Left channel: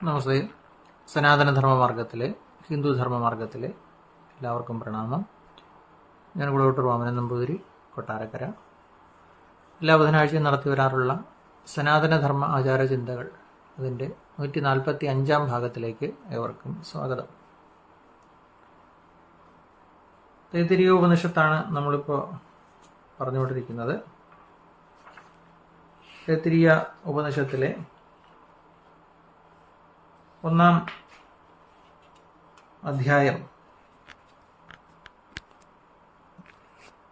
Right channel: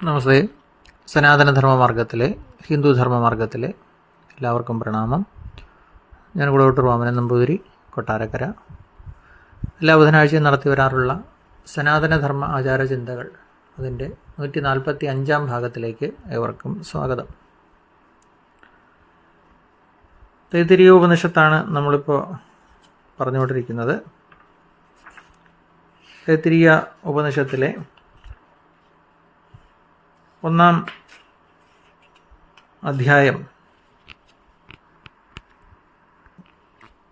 നമസ്തേ. സനാതനധർമ്മമാർഗത്തിലെ ഹിന്ദുധർമ്മമാർഗത്തിലെ എല്ലാവർക്കും പ്രണാമം. ഞാൻ കുളവട്ടൂർ വാമനൻ നമ്പൂതിരി, കൊട്ടാരക്കര. എല്ലാ ബുധനാഴ്ചയും നടത്തി വരാറുള്ള സനാതനധർമ്മ ആചാരചിന്തകൾ അതിൻ്റെ 145-ാം ഭാഗത്തിലേക്ക് ഏവർക്കും സ്വാഗതം. തൈത്തിരീയ ഉപനിഷത്താണ് നമ്മളിപ്പോൾ പറഞ്ഞുകൊണ്ടിരിക്കുന്നത്. തൈത്തിരീയ ഉപനിഷത്തിലെ 1-ാം അധ്യായം,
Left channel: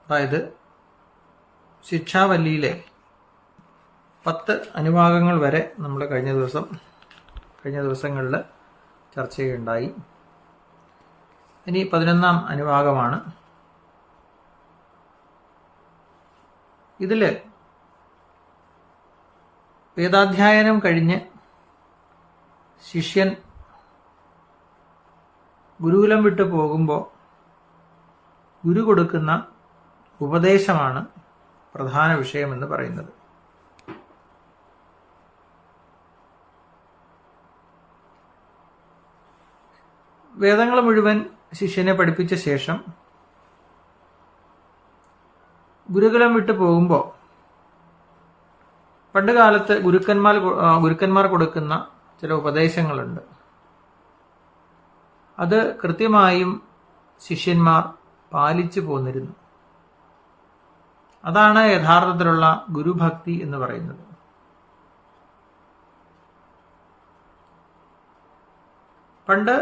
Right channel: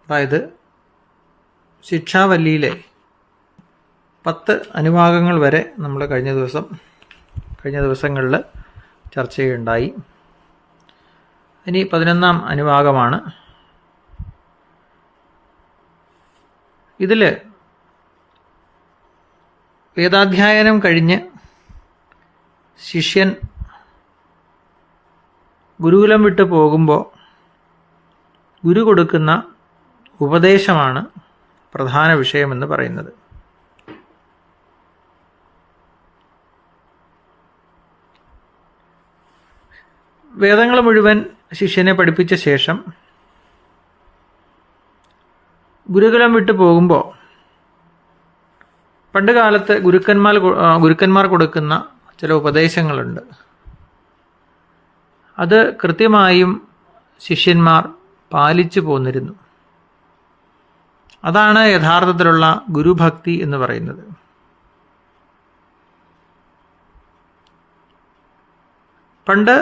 അതായത് ശിക്ഷാവല്ലിയിലെ 10 അനുഭാഗങ്ങൾ വരെ നമ്മൾ കഴിഞ്ഞ ദിവസങ്ങളിൽ ചർച്ച ചെയ്യുകയുണ്ടായി. ഇനി 11-ാം അനുഭാഗമാണ്. ഇതിൽ വേദാധ്യായനം കഴിഞ്ഞ് ശിഷ്യൻ ഗുരുകുലം വിട്ടു പോകുമ്പോൾ ഗുരു കൊടുക്കുന്ന ഉപദേശമാണ് പ്രധാന വിഷയമെന്ന് പറയുന്നത്. വേദങ്ങൾ മുഴുവൻ ശിഷ്യനെ പഠിപ്പിച്ച ശേഷം ഗുരുകുലം വിട്ടു പോകുമ്പോൾ പണ്ട് കാലത്ത് ഗുരുക്കന്മാർ കൊടുക്കുന്ന ചില ഉപദേശങ്ങളുണ്ട്. അത് കൃത്യമായും ശിഷ്യന്മാർ പാലിച്ചു പോന്നിരുന്നു. അതാണ് യഥാർത്ഥത്തിലുള്ള ഗുരുഭക്തി എന്ന് പറയുന്നത്. പണ്ട്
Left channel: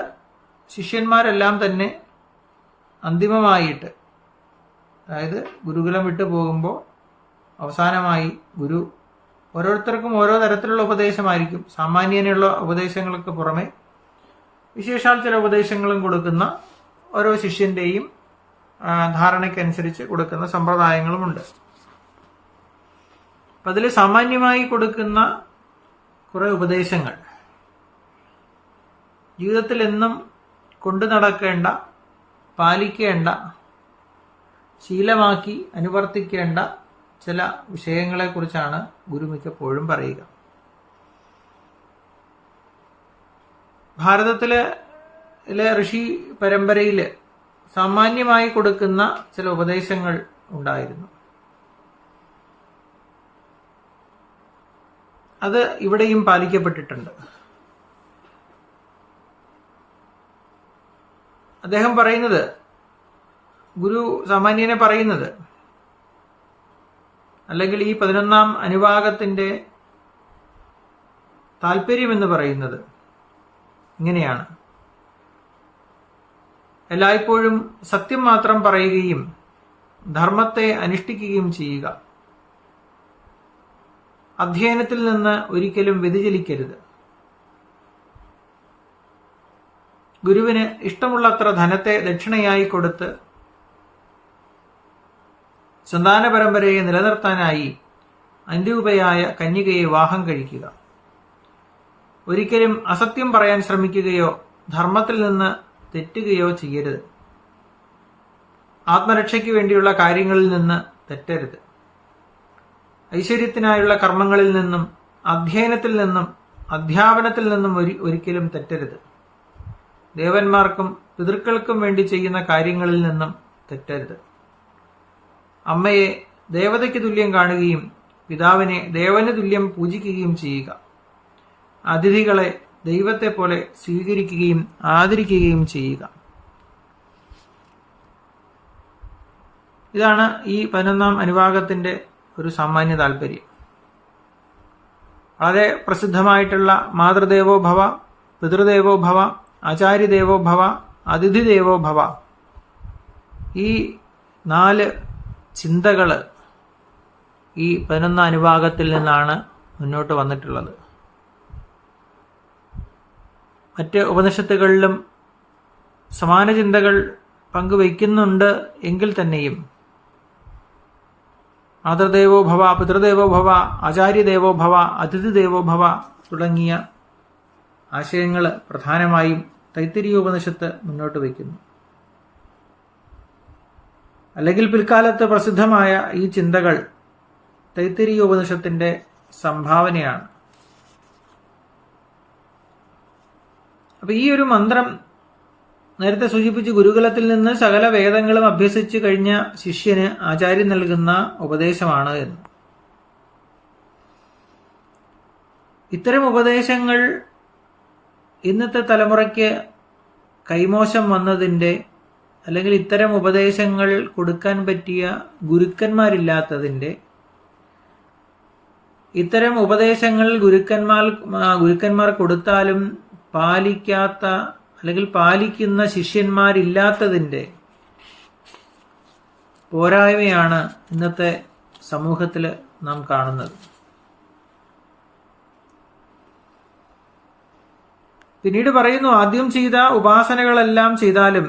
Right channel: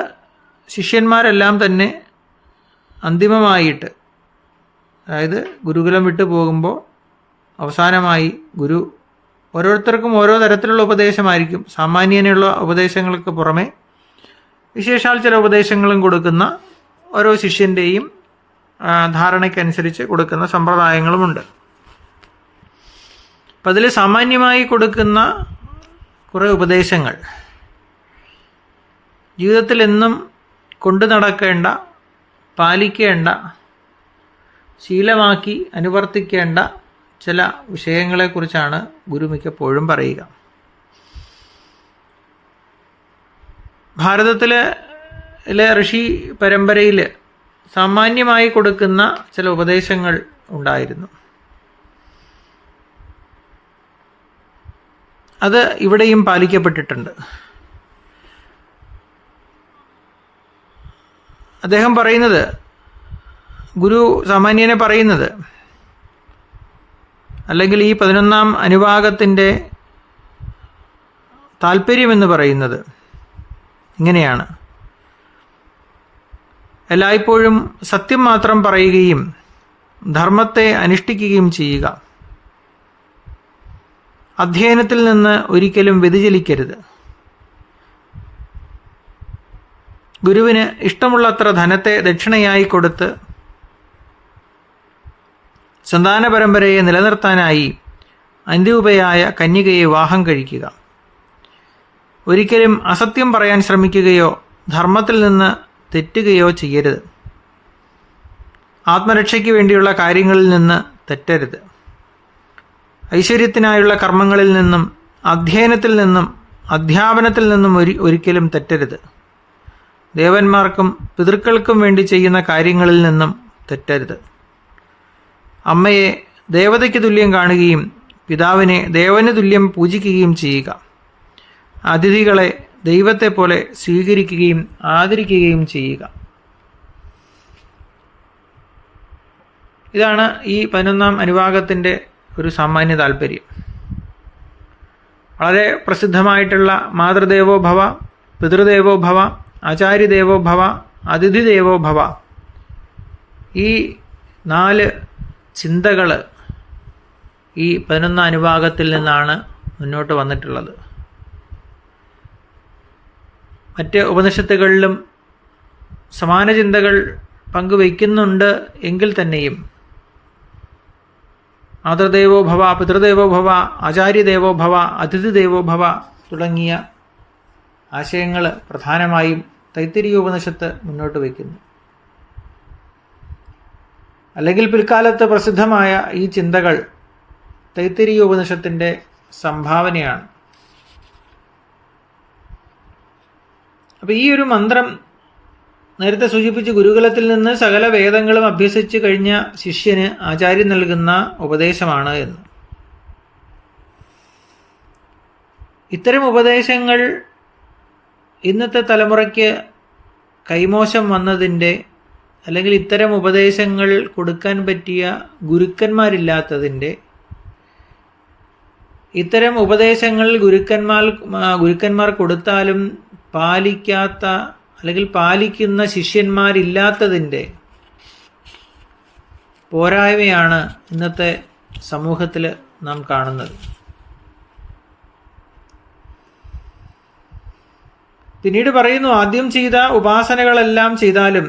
ശിഷ്യന്മാരെല്ലാം തന്നെ അന്തിമമായിട്ട്, അതായത് ഗുരുകുലം വിട്ടു പോകുമ്പോൾ അവസാനമായി ഗുരു ഓരോരുത്തർക്കും ഓരോ തരത്തിലുള്ള ഉപദേശമായിരിക്കും. സാമാന്യനുള്ള ഉപദേശങ്ങൾക്ക് പുറമെ വിശേഷാൽ ചില ഉപദേശങ്ങളും കൊടുക്കുന്ന ഓരോ ശിഷ്യൻ്റെയും ധാരണയ്ക്കനുസരിച്ച് കൊടുക്കുന്ന സമ്പ്രദായങ്ങളുമുണ്ട്. അപ്പം അതിൽ സാമാന്യമായി കൊടുക്കുന്ന കുറേ ഉപദേശങ്ങൾ ജീവിതത്തിൽ എന്നും കൊണ്ടു നടക്കേണ്ട, പാലിക്കേണ്ട, ശീലമാക്കി അനുവർത്തിക്കേണ്ട ചില വിഷയങ്ങളെക്കുറിച്ചാണ് ഗുരു മിക്കപ്പോഴും പറയുക. ഭാരതത്തിലെ ഋഷി പരമ്പരയിൽ സാമാന്യമായി കൊടുക്കുന്ന ചില ഉപദേശങ്ങൾ ഉണ്ടായിരുന്നു. അത് ഇവിടെയും പാലിക്കപ്പെട്ടിട്ടുണ്ട്. അദ്ദേഹം പറയുന്നത്, ഗുരു സാമാന്യനെ പറയുന്നത്, അല്ലെങ്കിൽ ഈ 11-ാം അനുഭാഗത്തിൻ്റെ താല്പര്യമെന്ന് പറയുന്നത് ഇങ്ങനെയാണ്: എല്ലായ്പ്പോഴും സത്യം മാത്രം പറയുകയും ധർമ്മത്തെ അനുഷ്ഠിക്കുകയും ചെയ്യുക. അധ്യയനത്തിൽ നിന്ന് ഒരിക്കലും വ്യതിചലിക്കരുത്. ഗുരുവിന് ഇഷ്ടമുള്ളത്ര ധനത്തെ ദക്ഷിണയായി കൊടുത്ത് സന്താന പരമ്പരയെ നിലനിർത്താനായി അന്ത്യോപയായ കന്യകയെ വിവാഹം കഴിക്കുക. ഒരിക്കലും അസത്യം പറയാൻ ശ്രമിക്കുകയോ ധർമ്മത്തിൽ നിന്ന് തെറ്റുകയോ ചെയ്യരുത്. ആത്മരക്ഷയ്ക്ക് വേണ്ടിയുള്ള കാര്യങ്ങളിൽ നിന്ന് തെറ്റരുത്. ഐശ്വര്യത്തിനായുള്ള കർമ്മങ്ങളിൽ നിന്നും അധ്യയനത്തിൽ നിന്നും അധ്യാപനത്തിൽ നിന്നും ഒരിക്കലും തെറ്റരുത്. ദേവന്മാർക്കും പിതൃക്കൾക്കും വേണ്ടി ചെയ്യുന്ന കാര്യങ്ങളിൽ നിന്നും തെറ്റരുത്. അമ്മയെ ദേവതയ്ക്ക് തുല്യം കാണുകയും പിതാവിനെ ദേവന് തുല്യം പൂജിക്കുകയും ചെയ്യുക. അതിഥികളെ ദൈവത്തെ പോലെ സ്വീകരിക്കുകയും ആദരിക്കുകയും ചെയ്യുക. ഇതാണ് ഈ 11-ാം അനുഭാഗത്തിൻ്റെ ഒരു സാമാന്യ താല്പര്യം. വളരെ പ്രസിദ്ധമായിട്ടുള്ള മാതൃദേവോ ഭവ, പിതൃദേവോ ഭവ, ആചാര്യദേവോ ഭവ, അതിഥിദേവോ ഭവ, ഈ 4 ചിന്തകൾ ഈ 11-ാം അനുഭാഗത്തിൽ നിന്നാണ് മുന്നോട്ട് വന്നിട്ടുള്ളത്. മറ്റ് ഉപനിഷത്തുകളിലും സമാന ചിന്തകൾ പങ്കുവയ്ക്കുന്നുണ്ട് എങ്കിൽ തന്നെയും മാതൃദേവോ ഭവ, പിതൃദേവോ ഭവ, ആചാര്യദേവോ ഭവ, അതിഥിദേവോ ഭവ തുടങ്ങിയ ആശയങ്ങൾ പ്രധാനമായും തൈത്തിരീയ ഉപനിഷത്ത് മുന്നോട്ട് വയ്ക്കുന്നു. അല്ലെങ്കിൽ പിൽക്കാലത്ത് പ്രസിദ്ധമായ ഈ ചിന്തകൾ തൈത്തിരീയ ഉപനിഷത്തിൻ്റെ സംഭാവനയാണ്. അപ്പോൾ ഈ ഒരു മന്ത്രം നേരത്തെ സൂചിപ്പിച്ച് ഗുരുകുലത്തിൽ നിന്ന് സകല വേദങ്ങളും അഭ്യസിച്ച് കഴിഞ്ഞ ശിഷ്യന് ആചാര്യൻ നൽകുന്ന ഉപദേശമാണ് എന്ന്. ഇത്തരം ഉപദേശങ്ങൾ ഇന്നത്തെ തലമുറയ്ക്ക് കൈമോശം വന്നതിൻ്റെ, അല്ലെങ്കിൽ ഇത്തരം ഉപദേശങ്ങൾ കൊടുക്കാൻ പറ്റിയ ഗുരുക്കന്മാരില്ലാത്തതിൻ്റെ, ഇത്തരം ഉപദേശങ്ങൾ ഗുരുക്കന്മാർ കൊടുത്താലും പാലിക്കാത്ത അല്ലെങ്കിൽ പാലിക്കുന്ന ശിഷ്യന്മാരില്ലാത്തതിൻ്റെ പോരായ്മയാണ് ഇന്നത്തെ സമൂഹത്തിൽ നാം കാണുന്നത്. പിന്നീട് പറയുന്നു, ആദ്യം ചെയ്ത ഉപാസനകളെല്ലാം ചെയ്താലും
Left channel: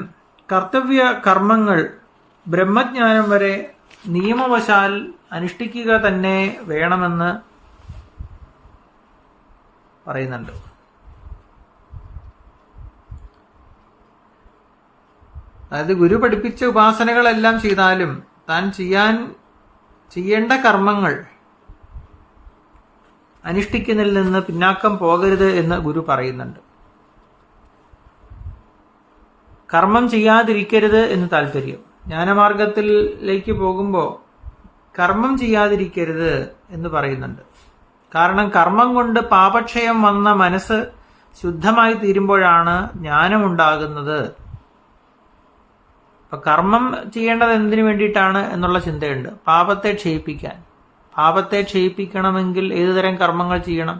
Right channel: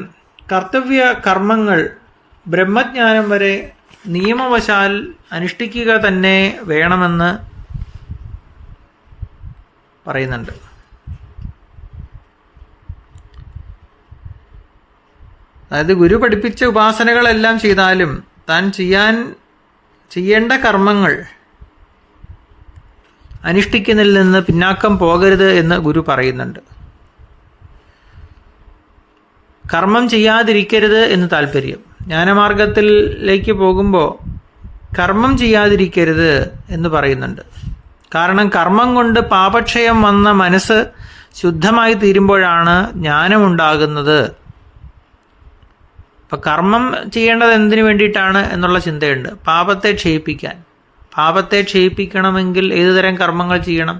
കർത്തവ്യ കർമ്മങ്ങൾ ബ്രഹ്മജ്ഞാനം വരെ നിയമവശാൽ അനുഷ്ഠിക്കുക തന്നെ വേണമെന്ന് പറയുന്നുണ്ട്. അതായത് ഗുരു പഠിപ്പിച്ച ഉപാസനകളെല്ലാം ചെയ്താലും താൻ ചെയ്യേണ്ട കർമ്മങ്ങൾ അനുഷ്ഠിക്കുന്നതിൽ നിന്ന് പിന്നാക്കം പോകരുത് എന്ന് ഗുരു പറയുന്നുണ്ട്. കർമ്മം ചെയ്യാതിരിക്കരുത് എന്ന് താല്പര്യം. ജ്ഞാനമാർഗത്തിലേക്ക് പോകുമ്പോൾ കർമ്മം ചെയ്യാതിരിക്കരുത് എന്ന് പറയുന്നുണ്ട്. കാരണം കർമ്മം കൊണ്ട് പാപക്ഷയം വന്ന മനസ്സ് ശുദ്ധമായി തീരുമ്പോഴാണ് ജ്ഞാനമുണ്ടാകുന്നത്. അപ്പം കർമ്മം ചെയ്യേണ്ടത് എന്തിനു വേണ്ടിയിട്ടാണ് എന്നുള്ള ചിന്തയുണ്ട്. പാപത്തെ ക്ഷയിപ്പിക്കാൻ. പാപത്തെ ക്ഷയിപ്പിക്കണമെങ്കിൽ ഏതുതരം കർമ്മങ്ങൾ ചെയ്യണം?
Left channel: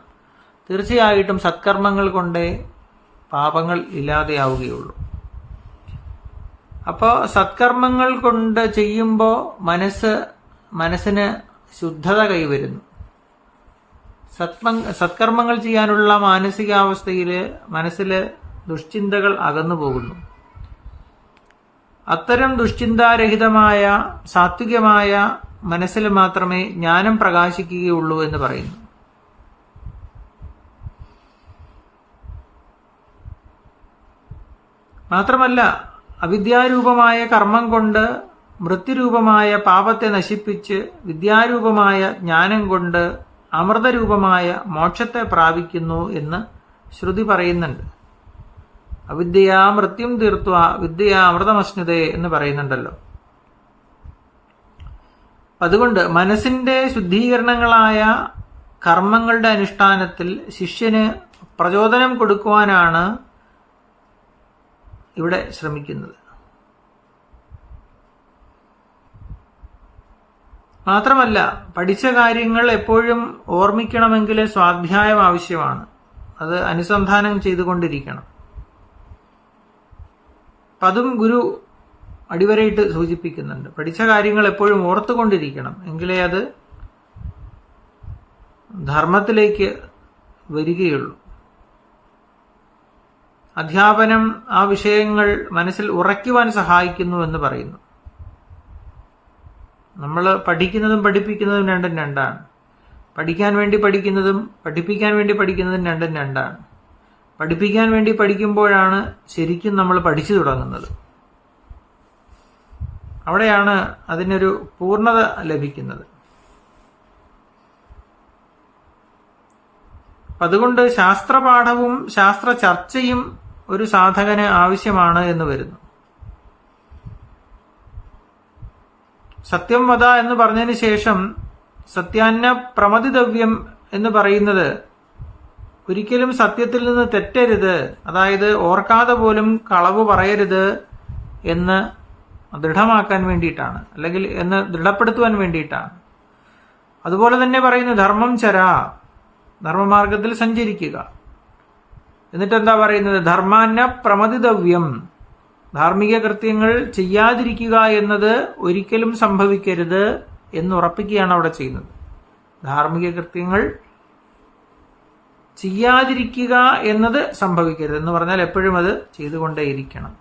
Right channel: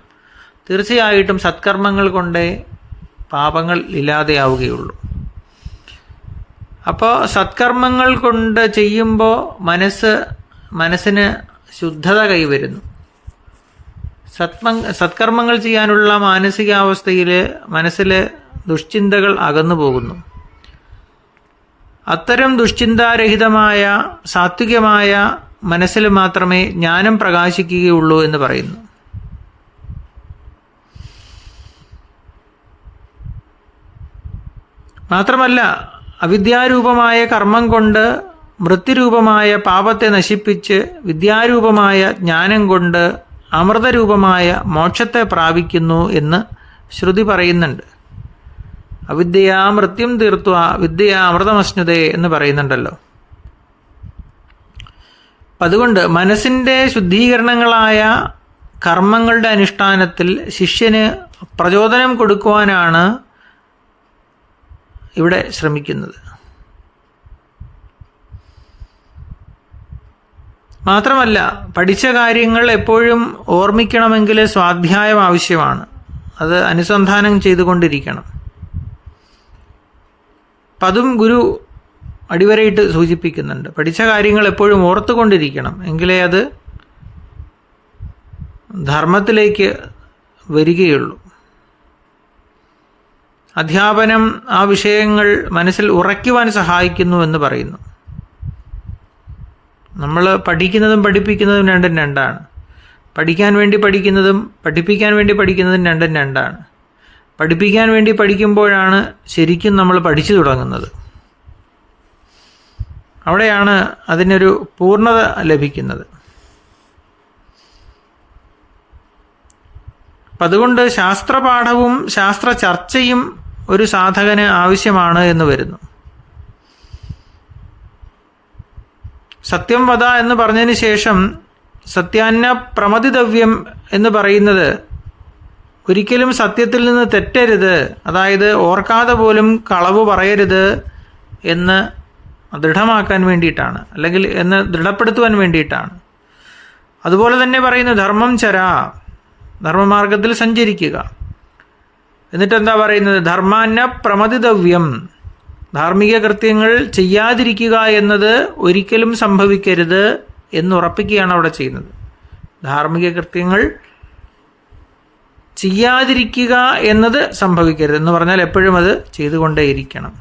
തീർച്ചയായിട്ടും സത്കർമ്മങ്ങൾ കൊണ്ടേ പാപങ്ങൾ ഇല്ലാതെയാവുകയുള്ളൂ. അപ്പോൾ സത്കർമ്മങ്ങൾ കൊണ്ട് ചെയ്യുമ്പോൾ മനസ്സിന് ശുദ്ധത കൈവരുന്നു. സത്കർമ്മങ്ങൾ ചെയ്യാനുള്ള മാനസികാവസ്ഥയിൽ മനസ്സിൽ ദുഷ്ചിന്തകൾ അകന്നു പോകുന്നു. അത്തരം ദുഷ്ചിന്താരഹിതമായ സാത്വികമായ മനസ്സിൽ മാത്രമേ ജ്ഞാനം പ്രകാശിക്കുകയുള്ളൂ എന്ന് പറയുന്നു. മാത്രമല്ല, അവിദ്യാരൂപമായ കർമ്മം കൊണ്ട് മൃത്യുരൂപമായ പാപത്തെ നശിപ്പിച്ച് വിദ്യാരൂപമായ ജ്ഞാനം കൊണ്ട് അമൃതരൂപമായ മോക്ഷത്തെ പ്രാപിക്കുന്നു എന്ന് ശ്രുതി പറയുന്നുണ്ട്. അവിദ്യയാ മൃത്യും തീർത്വ വിദ്യയാ അമൃതമശ്നുതേ എന്ന് പറയുന്നുണ്ടല്ലോ. അതുകൊണ്ട് മനസ്സിൻ്റെ ശുദ്ധീകരണങ്ങളായ കർമ്മങ്ങളുടെ അനുഷ്ഠാനത്തിൽ ശിഷ്യന് പ്രചോദനം കൊടുക്കുവാനാണ് ഇവിടെ ശ്രമിക്കുന്നത്. മാത്രമല്ല, പഠിച്ച കാര്യങ്ങൾ എപ്പോഴും ഓർമ്മിക്കണമെങ്കിൽ സ്വാധ്യായം ആവശ്യമാണ്. അത് അനുസന്ധാനം ചെയ്തുകൊണ്ടിരിക്കണം. അപ്പം അതും ഗുരു അടിവരയിട്ട് സൂചിപ്പിക്കുന്നുണ്ട്. പഠിച്ച കാര്യങ്ങൾ എപ്പോഴും ഓർത്തുകൊണ്ടിരിക്കണം, എങ്കിലേ അത് ധർമ്മത്തിലേക്ക് വരികയുള്ളൂ. അധ്യാപനം ആ വിഷയങ്ങൾ മനസ്സിൽ ഉറയ്ക്കുവാൻ സഹായിക്കുന്നു എന്ന് പറയുന്നു. നമ്മൾ പഠിക്കുന്നതും പഠിപ്പിക്കുന്നതും രണ്ടും രണ്ടാണ്. പഠിക്കാൻ വേണ്ടി പഠിക്കുന്നതും പഠിപ്പിക്കാൻ വേണ്ടി പഠിക്കുന്നതും രണ്ടും രണ്ടാണ്. പഠിപ്പിക്കാൻ വേണ്ടി പഠിക്കുമ്പോഴാണ് ശരിക്കും നമ്മൾ പഠിച്ചു തുടങ്ങുന്നത്. അവിടെയാണ് അതിനൊരു പൂർണ്ണത ലഭിക്കുന്നത്. അപ്പം അതുകൊണ്ട് ശാസ്ത്രപാഠവും ശാസ്ത്ര ചർച്ചയും ഒരു സാധകന് ആവശ്യമാണ് എന്ന് വരുന്നു. സത്യം വദ എന്ന് പറഞ്ഞതിന് ശേഷം സത്യാന്ന പ്രമതിതവ്യം എന്ന് പറയുന്നത് ഒരിക്കലും സത്യത്തിൽ നിന്ന് തെറ്റരുത്, അതായത് ഓർക്കാതെ പോലും കളവ് പറയരുത് എന്ന് ദൃഢമാക്കാൻ വേണ്ടിയിട്ടാണ്, അല്ലെങ്കിൽ എന്ന് ദൃഢപ്പെടുത്തുവാൻ വേണ്ടിയിട്ടാണ്. അതുപോലെ തന്നെ പറയുന്നു ധർമ്മം ചരാ, ധർമ്മമാർഗത്തിൽ സഞ്ചരിക്കുക. എന്നിട്ടെന്താ പറയുന്നത്? ധർമാന്ന പ്രമതിതവ്യം, ധാർമ്മിക കൃത്യങ്ങൾ ചെയ്യാതിരിക്കുക എന്നത് ഒരിക്കലും സംഭവിക്കരുത് എന്നുറപ്പിക്കുകയാണ് അവിടെ ചെയ്യുന്നത്. ധാർമ്മിക കൃത്യങ്ങൾ ചെയ്യാതിരിക്കുക എന്നത് സംഭവിക്കരുത് എന്ന് പറഞ്ഞാൽ എപ്പോഴും അത് ചെയ്തുകൊണ്ടേയിരിക്കണം.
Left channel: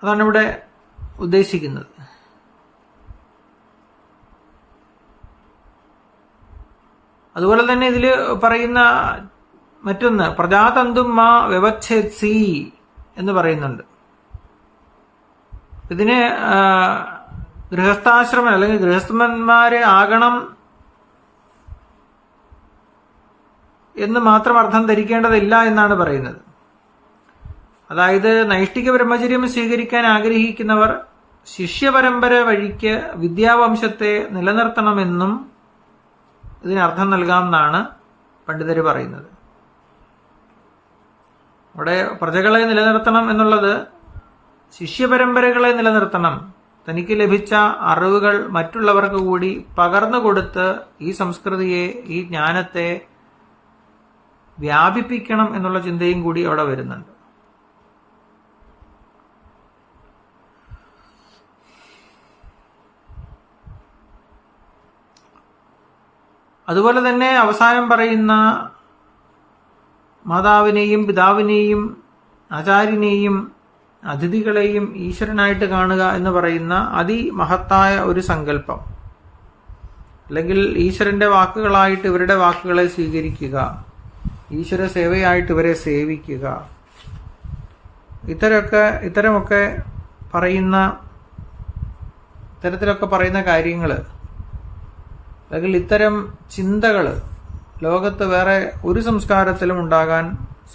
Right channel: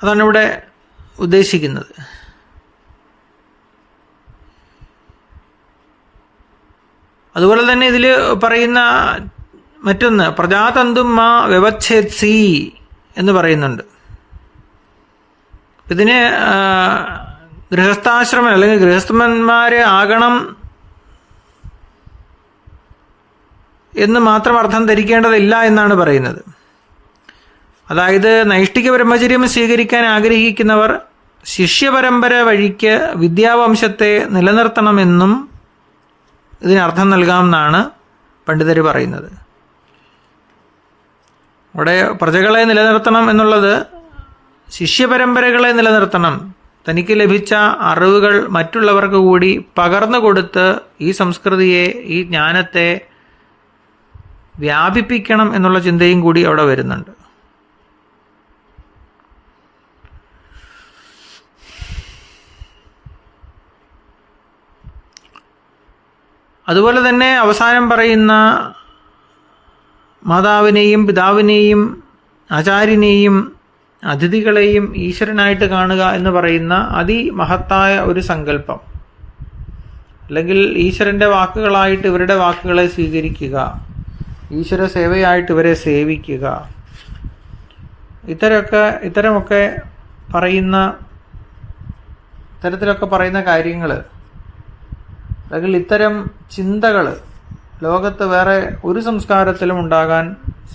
അതാണ് ഇവിടെ ഉദ്ദേശിക്കുന്നത്. അതുപോലെ തന്നെ ഇതിൽ പറയുന്ന മറ്റൊന്ന് പ്രജാതന്തും മാ വ്യവച്ഛേത്സി എന്ന് പറയുന്നുണ്ട്. ഇതിന് ഗൃഹസ്ഥാശ്രമം അല്ലെങ്കിൽ ഗൃഹസ്ഥന്മാരെ ആകണം എന്ന് മാത്രം അർത്ഥം ധരിക്കേണ്ടതില്ല എന്നാണ് പറയുന്നത്. അതായത് നൈഷ്ഠിക ബ്രഹ്മചര്യം സ്വീകരിക്കാൻ ആഗ്രഹിക്കുന്നവർ ശിഷ്യപരമ്പര വഴിക്ക് വിദ്യാവംശത്തെ നിലനിർത്തണമെന്നും ഇതിനർത്ഥം നൽകാമെന്നാണ് പണ്ഡിതർ പറയുന്നത്. അവിടെ പ്രജകളെ നിലനിർത്തണം എന്നുള്ളത് ശിഷ്യപരമ്പരകളെ നിലനിർത്തണം, തനിക്ക് ലഭിച്ച അറിവുകൾ മറ്റുള്ളവർക്ക് കൂടി പകർന്നു കൊടുത്ത് ഈ സംസ്കൃതിയെ, ഈ ജ്ഞാനത്തെ വ്യാപിപ്പിക്കണം എന്നുള്ള ചിന്തയും കൂടി അവിടെ വരുന്നുണ്ട്. അതുപോലെ തന്നെ അവസാനം പറയുന്ന മാതാവിനെയും പിതാവിനെയും ആചാര്യനെയും അതിഥികളെയും ഈശ്വരനായിട്ട് കാണുക എന്ന് പറയുന്ന അതിമഹത്തായ ഒരു സങ്കല്പം, അല്ലെങ്കിൽ ഈശ്വരൻ്റെ വാക്കുകളായിട്ട് ഇവരുടെ വാക്കുകളെ സ്വീകരിക്കുക, ഈശ്വര സേവയായിട്ട് ഇവരെ സേവിക്കുക, ഇത്തരമൊക്കെ പറയുന്ന കാര്യങ്ങൾ, അല്ലെങ്കിൽ ഇത്തരം ചിന്തകൾ ലോകത്ത് വേറെ ഒരു സംസ്കാരത്തിലും ഉണ്ടാകാൻ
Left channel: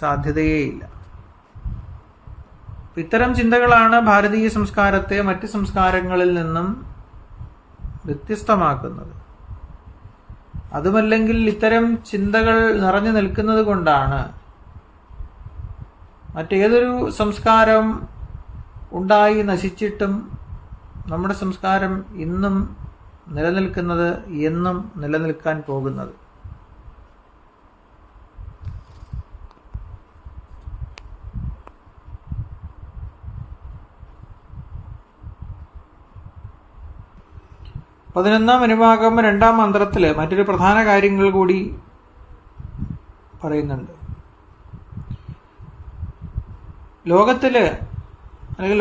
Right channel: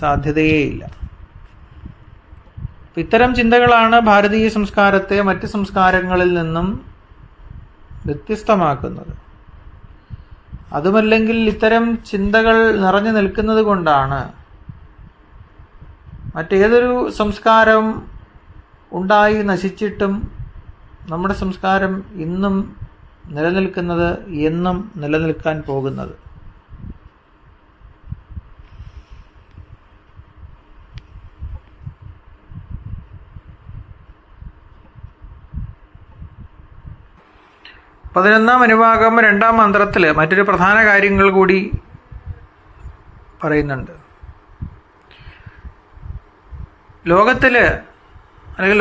സാധ്യതയേയില്ല. ഇത്തരം ചിന്തകളാണ് ഭാരതീയ സംസ്കാരത്തെ മറ്റ് സംസ്കാരങ്ങളിൽ നിന്നും വ്യത്യസ്തമാക്കുന്നത്. അതുമല്ലെങ്കിൽ ഇത്തരം ചിന്തകൾ നിറഞ്ഞു നിൽക്കുന്നത് കൊണ്ടാണ് മറ്റേതൊരു സംസ്കാരം ഉണ്ടായി നശിച്ചിട്ടും നമ്മുടെ സംസ്കാരം ഇന്നും നിലനിൽക്കുന്നത്, എന്നും നിലനിൽക്കാൻ പോകുന്നത്. പതിനൊന്നാം അനുഭാഗം 2-ാം മന്ത്രത്തിൽ മറ്റൊരു പ്രധാന കാര്യങ്ങൾ കൂടി പറയുന്നുണ്ട്.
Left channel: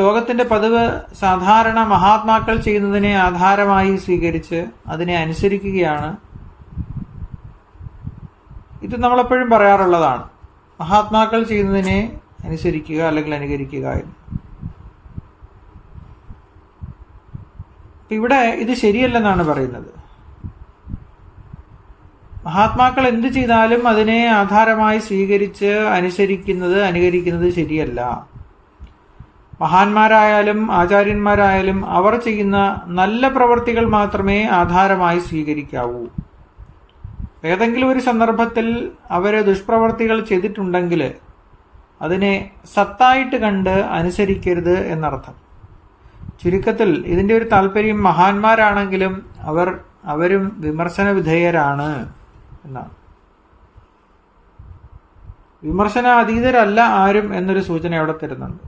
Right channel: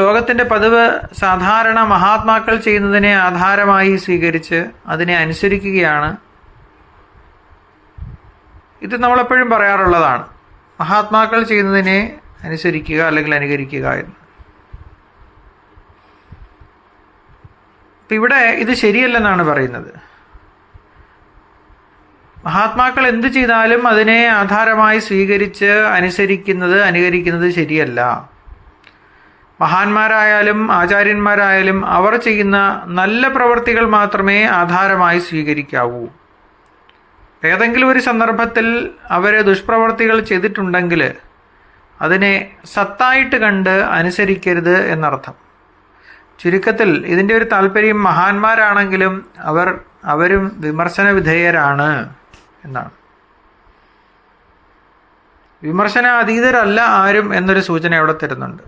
ലോകത്തിൻ്റെ പതിവ് സാധാരണ മഹാത്മാക്കൾ ചെയ്യുന്നതിനെ ആധാരമായി സ്വീകരിച്ച് അതിനെ അനുസരിക്കുകയാണ്. ഇത് നമ്മളെപ്പോഴും പറയാറുള്ളതാണ്, മഹാത്മാക്കൾ ചെയ്യുന്നതിനെ അനുസരിക്കുക അല്ലെങ്കിൽ അനുകരിക്കുക എന്ന്. ഇവിടെ ഇത് ശരിയല്ലെന്നാണ് പറയുന്നത്. മഹാത്മാക്കൾ എന്ത് ചെയ്താലും അതിനെ ആധാരമായി സ്വീകരിച്ച് അനുകരിക്കുന്നത് ശരിയല്ല. മഹാന്മാരായാലും ആചാര്യന്മാരായാലും അവർ ചെയ്യുന്ന നല്ല പ്രവൃത്തികൾ മാത്രമേ ആധാരമായി സ്വീകരിക്കാവൂ. ഏതെങ്കിലും ഒരു സന്ദർഭത്തിൽ അവർ ദുഷ്പ്രവൃത്തികൾ ചെയ്തിട്ടുണ്ടെങ്കിൽ അതിനെ സത്തായിട്ട് കണ്ട് അനുസരിക്കരുത് എന്നർത്ഥം. ചുരുക്കത്തിൽ ഇതിൻ്റെ ഒരു താല്പര്യം മഹാന്മാരാണെങ്കിലും അവരും വിമർശന വിധേയരാണ് എന്നാണ്. വിമർശന അതീതരല്ല ആരും എന്നൊരു സൂചന അവിടെ തരുന്നുണ്ട്.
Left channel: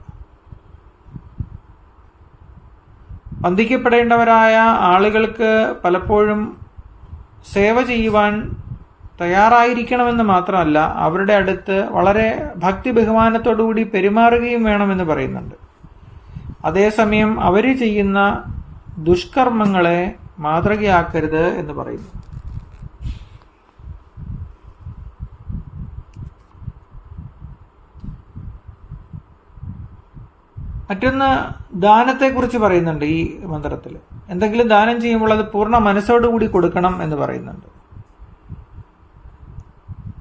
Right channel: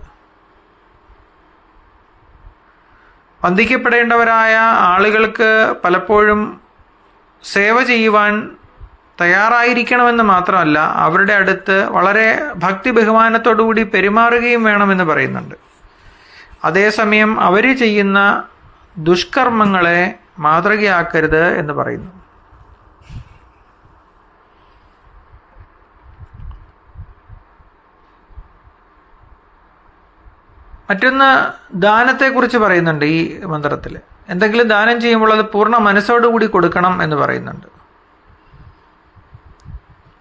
വന്ദിക്കപ്പെടേണ്ടവരായ ആളുകൾക്ക് പലപ്പോഴും സേവ ചെയ്യുവാൻ തയ്യാറായിരിക്കണമെന്ന് മാത്രമല്ല, അവരുടെ അടുത്ത് വളരെ ഭക്തി ബഹുമാനത്തോടുകൂടി പെരുമാറുകയും വേണമെന്ന് പറയുന്നുണ്ട്. അതേസമയം അവർ ചെയ്യുന്ന ദുഷ്കർമ്മങ്ങളെ മാതൃകയാക്കരുത് എന്ന് പറയുന്നു. മറ്റൊന്ന് ദാനത്തെക്കുറിച്ച് പറയുന്നുണ്ട് ഈ മന്ത്രത്തിൽ. എന്തെങ്കിലും ദാനം ചെയ്യുമ്പോൾ അത് പൂർണ്ണ മനസ്സോടുകൂടി കൊടുക്കണം എന്ന് പറയുന്നുണ്ട്.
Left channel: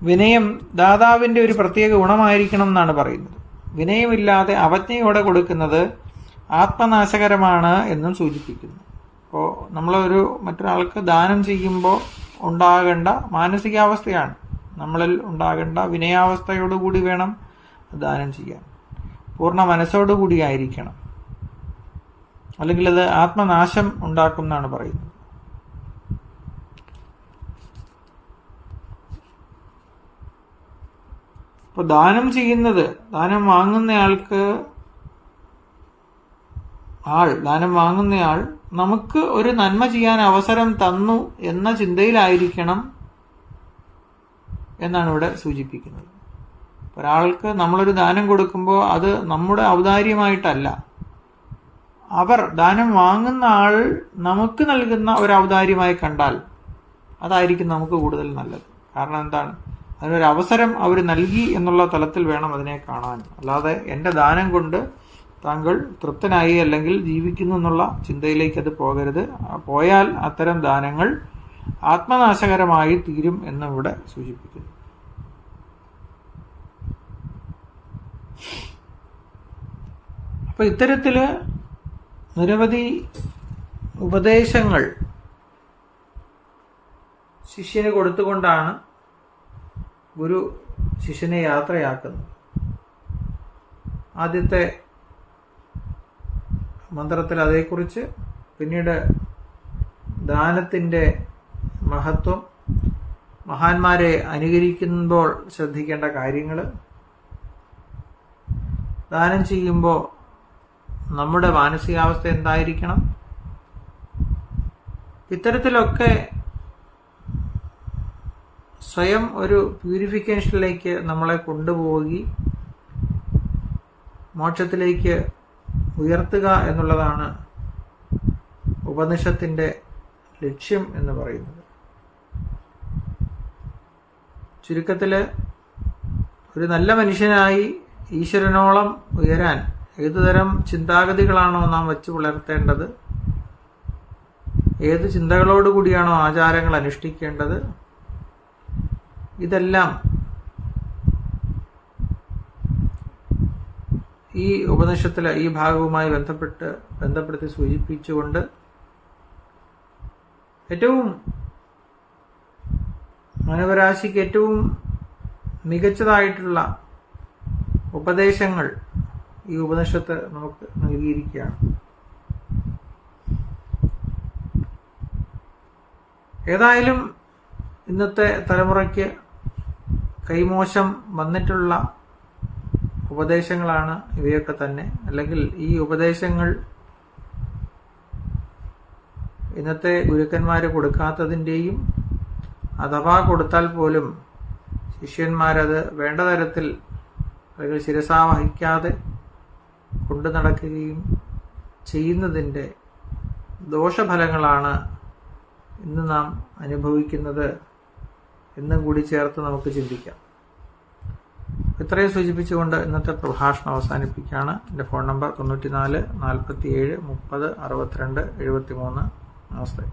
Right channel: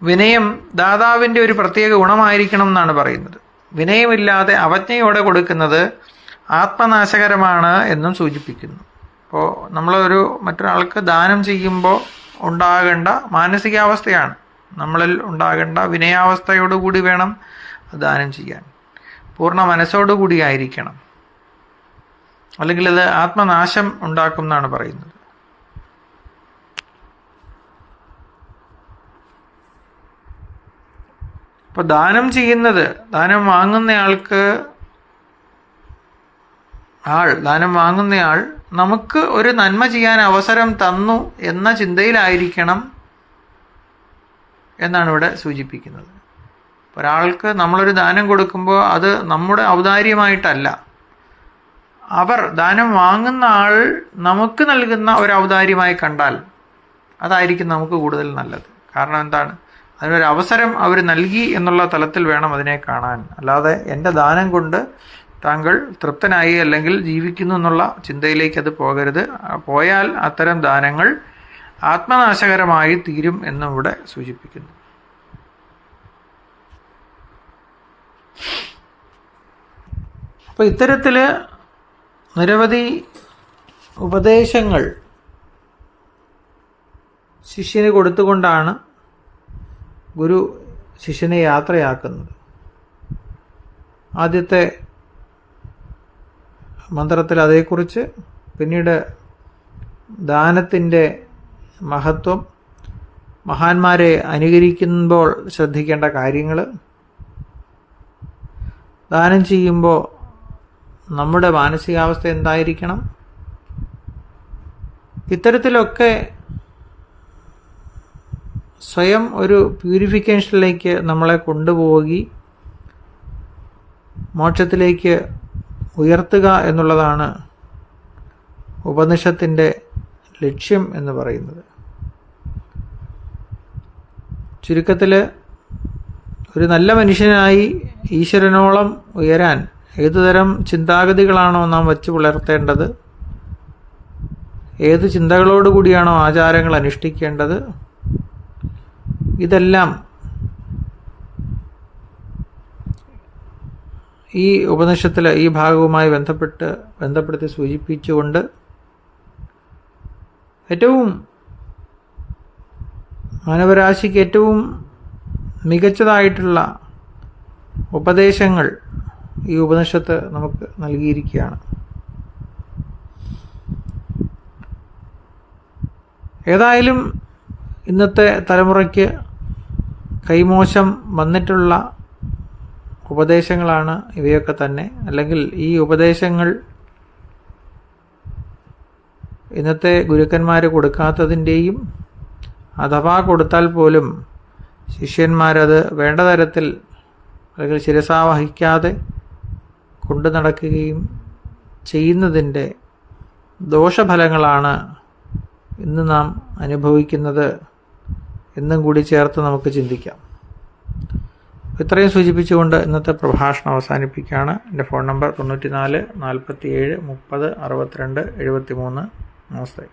വിനയം ദാതാവിൻ്റെ ഒരു പ്രത്യേക ഗുണമായിരിക്കണം എന്നാണ് പറയുന്നത്. വിനയമില്ലാതെ അവജ്ഞയോടെ കൊടുക്കുന്നത് ആത്മനാശകരമാണ് എന്നും സൂചിപ്പിക്കുന്നു. അപ്പോൾ മറ്റൊരാൾക്ക് ദാനം ചെയ്യുമ്പോൾ ഉണ്ടാകേണ്ട മാനസികാവസ്ഥയാണ്, നമ്മളിൽ ഉണ്ടാകേണ്ട വിനയാവസ്ഥയോടുകൂടി വേണം ദാനം ചെയ്യാൻ. പൂർണ്ണ മനസ്സോടുകൂടി ആയിരിക്കണം, അല്ലെങ്കിൽ അത് ആത്മനാശം ഉണ്ടാക്കും എന്നാണ് പറയുന്നത്. അപ്പോൾ ദാനം വാങ്ങുന്നയാൾ നമുക്ക് ഒരു നന്മ ചെയ്യാൻ അവസരം തന്നു എന്ന ചിന്തയിലായിരിക്കണം എന്നാണ് ഇവിടെ സൂചിപ്പിക്കുന്നത്. ഒരാൾക്ക് നമ്മളൊരു ദാനം കൊടുക്കുമ്പോൾ അത് നമ്മുടെ ഔദാര്യമായിട്ടല്ല, ദാനം വാങ്ങുന്ന ആൾ നമുക്ക് നൽകുന്ന ഒരു ഔദാര്യമായി കണ്ടാൽ അതായിരിക്കും നമുക്ക് കൂടുതൽ നല്ലത്. കാരണം എന്താണ്, അതിനൊരു അവസരം അവർ നൽകി എന്നുള്ള തലത്തിൽ വേണം അതിനെ കാണാൻ. അല്ലാതെ എൻ്റെ ദാനം കൊണ്ട് താങ്കൾ തൃപ്തനായി അല്ലെങ്കിൽ ജീവിക്കുന്നു എന്നുള്ള ചിന്തയിലേക്ക് അത് പോകരുത്. പോയാൽ അത്തരം ദാനങ്ങൾ ആത്മനാശകരമായി തീരും എന്നും ഇവിടെ സൂചിപ്പിക്കുന്നു. അപ്പോൾ ഇത്തരത്തിൽ നിരവധി ഉപദേശങ്ങൾ ശിഷ്യന് കൊടുത്തുകൊണ്ടാണ് ഗുരു ശിഷ്യനെ യാത്രയാക്കുന്നത്. ആദ്യത്തെ മന്ത്രത്തിൽ അതേക്കുറിച്ച്, പിന്നീട് ദാനത്തിൻ്റെ മഹത്വം, മഹാന്മാരെ അനുകരിക്കുമ്പോൾ ശ്രദ്ധിക്കേണ്ട കാര്യങ്ങൾ, ദാനം ചെയ്യുമ്പോൾ നമ്മുടെ മാനസികാവസ്ഥ എന്തായിരിക്കണം, ഇത്തരത്തിലൊക്കെ സ്വയം ഒരു പ്യൂരിഫിക്കേഷനിലേക്ക് നമ്മളെ കൊണ്ടുപോയി മോക്ഷത്തിലേക്ക് ഉയർത്തുക എന്നുള്ളതാണ് ഉപനിഷത്തിൻ്റെ ലക്ഷ്യം എന്ന് പറയുന്നത്. ചുരുക്കത്തിൽ ഒരു നല്ല മനുഷ്യനായി ഈശ്വരനോളം ഉയരാൻ ഏതുതരം ചിന്താഗതികളാണോ നാം വച്ച് പുലർത്തേണ്ടത്, ഏത് ചിന്തകളോടുകൂടിയാണോ ആചാരങ്ങൾ അനുഷ്ഠിക്കേണ്ടത്, ഇതെല്ലാം ഈ ഉപനിഷത്തിൽ ഈ ഭാഗവുമായി ബന്ധപ്പെടുത്തി സൂചിപ്പിച്ചുകൊണ്ട് ഏറ്റവും മാനവരാശിക്ക് ഏറ്റവും മികച്ചതായിട്ടുള്ള ഉപദേശങ്ങൾ ഈ ഉപനിഷത്ത് നമുക്ക് നൽകിയിരിക്കുകയാണ്. ഏതായാലും ഇന്നത്തെ തലമുറയ്ക്ക് കൈമോശം വന്നിട്ടുള്ള ഉപദേശങ്ങളാണ് ഇവയൊക്കെ തന്നെ. അല്ലെങ്കിൽ ഈ ഉപദേശങ്ങൾ ഇന്നത്തെ ഗുരുക്കന്മാർ കൊടുക്കാത്തതിൻ്റെയും, അഥവാ കൊടുത്താൽ പോലും ശിഷ്യന്മാരത് വേണ്ട തരത്തിൽ അല്ലെങ്കിൽ ശിരസാവഹിക്കാതെ കൊണ്ടു നടക്കുകയും ചെയ്യുന്നതിൻ്റെ ദോഷഫലങ്ങളാണ് ഇന്ന് നാം അനുഭവിക്കുന്നത് എന്നും കൂടി ചേർത്ത് നമുക്ക് ചിന്തിക്കാം. ഇത്രയും സൂചിപ്പിച്ചുകൊണ്ട് ഇന്നത്തെ പ്രഭാഷണം അവസാനിപ്പിക്കുകയാണ്. എൻ്റെ ഫോൺ നമ്പർ 94 47 30 62 73. നമസ്തേ.